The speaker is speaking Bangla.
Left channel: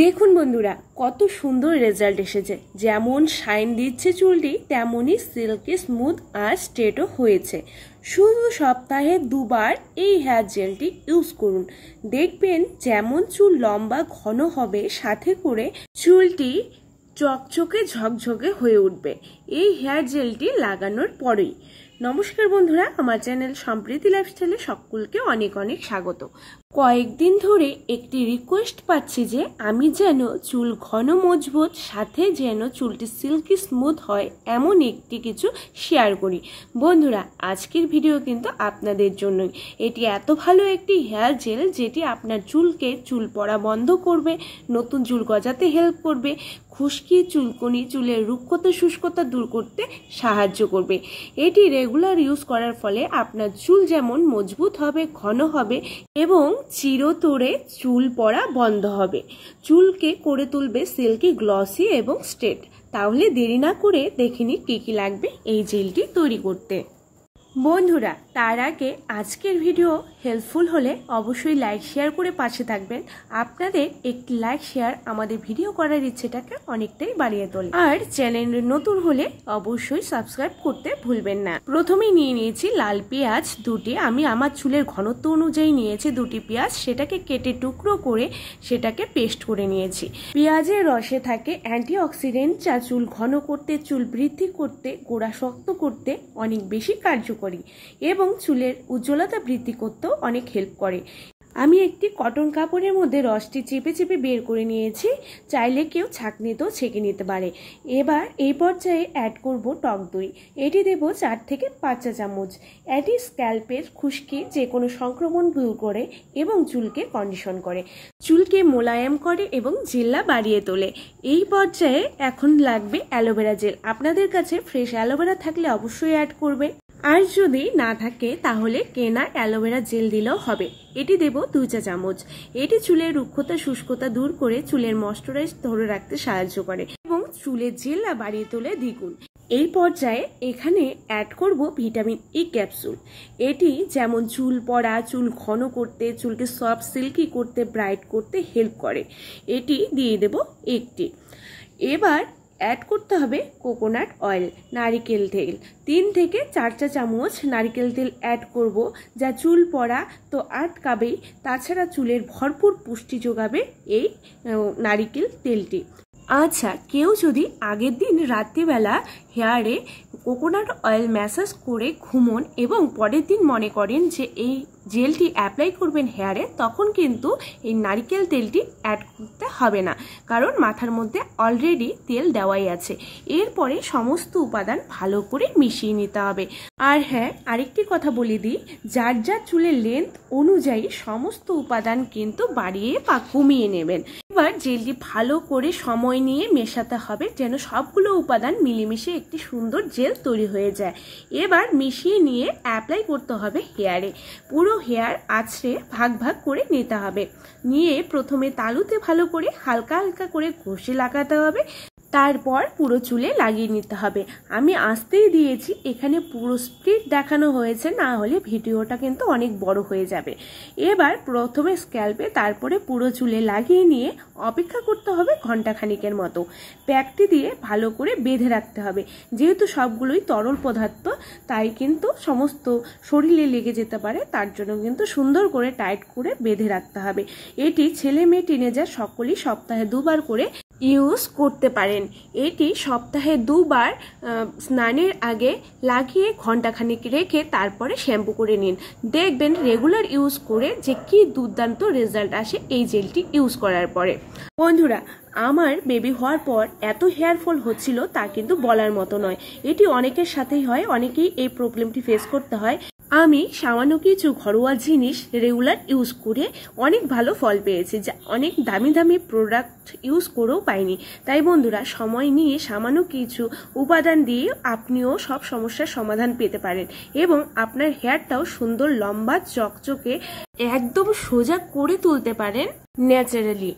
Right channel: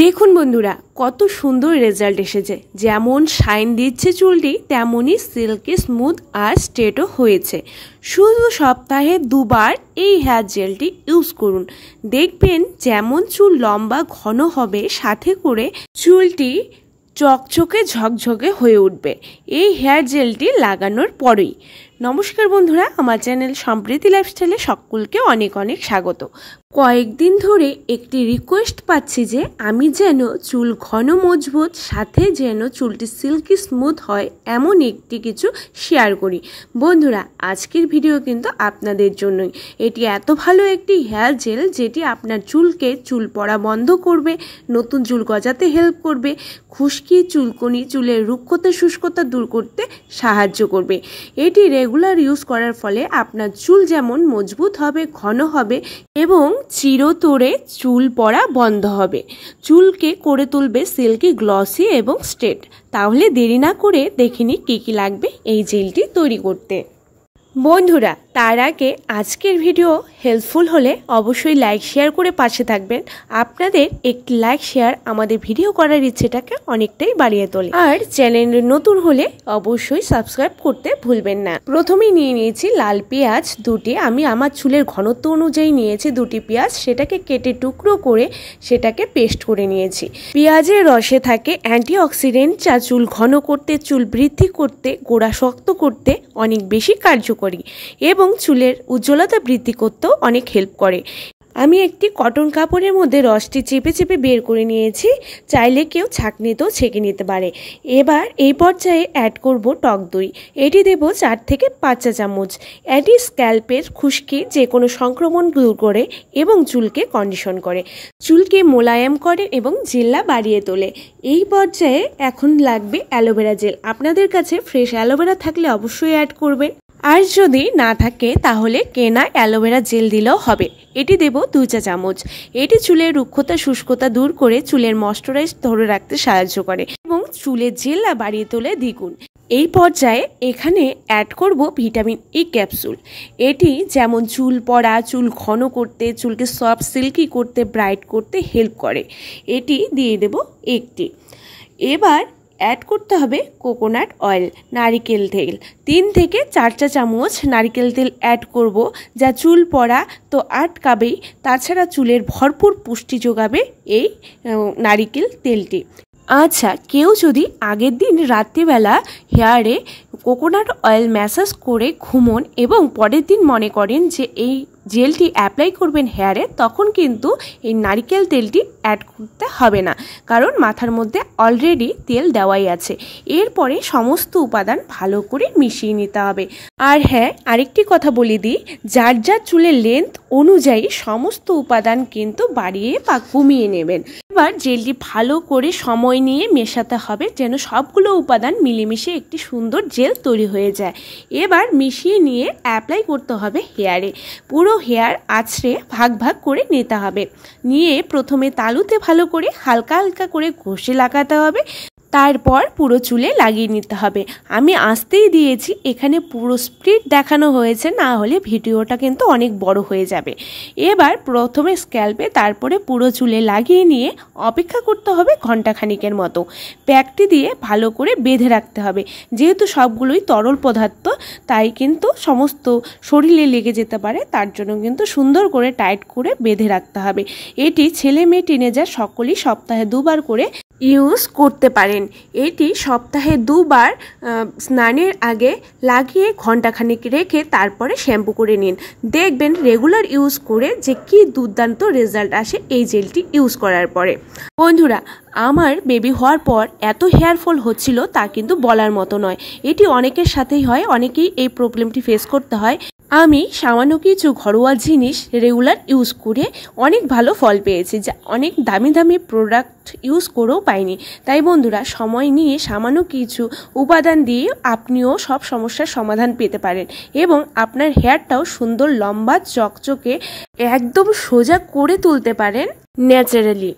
দেখুন বন্ধুরা, কত সুন্দর রেজাল্ট এসেছে। যেমন শাইন দিচ্ছে চুলটি, তেমনই সিল্কি স্মুথ আর স্ট্রেটও হয়েছে। শুধু সপ্তাহে দুবার এই হেয়ার জেলটি ইউজ করুন, দেখবেন যেমন চুল লম্বা ঘন হবে, সাথে করে চুলটি চকচকে ঝকঝকে হয়ে উঠবে এই হেয়ার জেলটি লাগানোর পরেই। নমস্কার বন্ধুরা, আমার চ্যানেল সম্প্রীতি লাইফস্টাইলে সকলকে অনেক অনেক স্বাগত। কয়েকদিন ধরে একটি রিকোয়েস্ট পাচ্ছি যে আমি যেন চুল ঘন মজবুত, সাথে যেন চুলটি সিল্কি স্মুথ হয় এমন একটি কিছু শেয়ার করি। বন্ধুরা, আজকের ভিডিও কিন্তু আপনাদের জন্যই। এটি এত ভালো একটি হেয়ার জেল যেটি আপনার চুলকে চুল পড়া বন্ধ করবে, নতুন চুল গজাতে হেল্প করবে, খুশকি, চুলকনি, চুলের রুক্ষতা শুষ্কতা দূর করতে সাহায্য করবে। এটি রেগুলার ইউজ করার ফলে আপনার চুল যেমন মজবুত হবে, ঘন হবে এবং চিরতরে চুল পড়া বন্ধ হবে। চুলকে করে তুলবে সিল্কি, গ্লসি এবং স্ট্রেট। তাহলে দেরি না করে দেখিনি কি কি লাগবে এই জেলটি তৈরি করতে। বন্ধুরা, তার আগে আজকের ভিডিও হেল্পফুল হলে অবশ্যই লাইক শেয়ার করে পাশে থাকবেন। আপনাদের একটি লাইক শেয়ার আমাদের ভিডিও করার ইচ্ছেটাকে অনেকটাই বাড়িয়ে তোলে। আর চ্যানেলে নতুন হলে অবশ্যই সাবস্ক্রাইব করতে ভুলবেন না। প্রথমেই নিয়ে নিয়েছি লাল পেঁয়াজ দুটি। আমি আমার চুলের ঘনত্ব অনুযায়ী নিয়েছি দুটি পেঁয়াজ, সেটাকে কেটে টুকরো করে সেটাকে পেস্ট করে নিয়েছি। পেঁয়াজের রসে থাকে অ্যান্টিঅক্সিডেন্ট, যা চুল ঘন করতে, চুল বৃদ্ধি করতে, গোড়া শক্ত করতে অনেক বেশি কার্যকরী এবং চুলের উজ্জ্বলতা বৃদ্ধি করতেও অনেক হেল্প করে। আমি একটি কটন কাপড়ের মধ্যে রসটি চেপে চেপে বের করে নিয়েছি। চাইলে কেউ ছাঁকনিতেও ছেঁকে নিতে পারে। এবার এই পর্যায়ে অ্যাড করব টক দই। এটি দেব 4 থেকে 5 চা চামচ। এটি স্ক্যাল্পের খুশকি, যে কোনো সংক্রমণ দূর করে এবং চুলকে কন্ডিশন করে, চুলকে মোলায়েম করে এবং জেল্লা বাড়িয়ে তোলে। এই পর্যায়ে এখন লাগবে অ্যালোভেরা জেল। আপনাদের কাছে ফ্রেশ অ্যালোভেরা থাকলে অবশ্যই অ্যাড করবে, আর যদি না থাকে তাহলে কেনা অ্যালোভেরা জেল দিলেও হবে। এটি দেব 2 চা চামচ। এটি চুলের রুক্ষতা শুষ্কতা দূর করে চুলের ময়শ্চারাইজ ধরে রাখতে সাহায্য করে এবং চুলের জেল্লা বাড়িয়ে তোলে দ্বিগুণ। এই পর্যায়ে এখানে অ্যাড করব ভিটামিন ই ক্যাপসুল। এটি যেমন চুল পড়া, চুল ঘন করতে, চুলকে সফট সিল্কি করতে, ব্রাইট করতে হেল্প করে। এটি দিয়ে দেব একটি। এবার অ্যাড করতে হবে কোকোনাট অয়েল, নারিকেল তেল। 3 থেকে 4 চা চামচ নারিকেল তেল অ্যাড করব, যা চুল পড়া তো আটকাবেই, তাছাড়া চুলের ভরপুর পুষ্টি যোগাবে এই নারিকেল তেলটি। আচ্ছা, কেউ যদি আগের দিন রাত্রিবেলা হেয়ারে কোকোনাট অয়েল ম্যাসাজ করে ঘুমন এবং পরের দিন মনে করেন যে এই জেলটি অ্যাপ্লাই করবেন হেয়ারে, তখন কিন্তু এই নারকেল তেলটি অ্যাড করতে হবে না, কারণ মাথার মধ্যে অলরেডি তেল দেওয়াই আছে। এরপরে সমস্ত উপাদান ভালো করে মিশিয়ে নিতে হবে। আর হ্যাঁ, আরেকটি কথা বলে দিই, যার যার চুলের লেন্থ অনুযায়ী সমস্ত উপাদান কিন্তু বাড়িয়ে বা কমিয়ে নেবেন। এবার জেলটি ভালো করে সময় নিয়ে মেশাতে হবে, যেন সবগুলো উপাদান মিলেমিশে একটি সুন্দর জেল তৈরি হয়ে যায়। এবার মিশিয়ে নিয়ে অ্যাপ্লাই করতে হবে হেয়ারে। পুরো হেয়ার আছড়ে ভাগ ভাগ করে নিতে হবে। নিয়ে প্রথমে তালুতে ভালো করে হালকা হালকা করে ঘষে লাগাতে হবে, তারপর পুরো চুলে লাগিয়ে নিতে হবে। আমি আস্তেই দিয়েছি, এখানে পুরো স্প্লিট দেখানো হয়েছে, না হলে ভিডিওটা কিন্তু অনেক বড় হয়ে যাবে। এবার প্রথমে স্ক্যাল্পে, তারপরে পুরো চুলে লাগিয়ে নিয়ে অপেক্ষা করতে হবে ঘন্টাখানিকের মতো। প্যাকটি দিয়ে ভালো করে বেঁধে রাখতে হবে। যেহেতু সবগুলোই তরল পদার্থ, তাই কিন্তু সমস্ত শরীরে লেগে যেতে পারে, তার জন্য কিন্তু সুন্দর করে টাইট করে বেঁধে রাখতে হবে। এটি ছেলে মেয়ে টিনেজার সকলেই সপ্তাহে 2 বার করে ইউজ করতে পারেন। এটি সপ্তাহে 2 বার স্নানের আগে লাগিয়ে ঘন্টাখানেক রেখে তারপরে শ্যাম্পু করে নিন। দেখবেন রেগুলার ইউজ করে যে কি দুর্দান্ত রেজাল্ট আসে এই জেলটি ইউজ করার পরে। বন্ধুরা, আমার বেবি হওয়ার পর এত হেয়ার ফল হচ্ছিল তা কিন্তু বলার মতো নয়। এটি অনেকের সাথেই হয়, অনেকেই এই প্রবলেমটি ফেস করতে হয়। আমি সামান্য কিছু ঘরোয়া জিনিস রেগুলার ইউজ করে অনেক ভালো ফল পেয়েছি, যা অনেক দামি দামি প্রোডাক্ট ইউজ করেও পাইনি। তাই বন্ধুরা, সময় নিয়ে সামান্য কিছু উপাদান দিয়ে আপনিও সব সমস্যার সমাধান পেতে পারেন এবং আপনার হেয়ারটাও সুন্দর, লম্বা, চকচকে, একদম সোজা করে তুলতে পারেন ন্যাচারালি।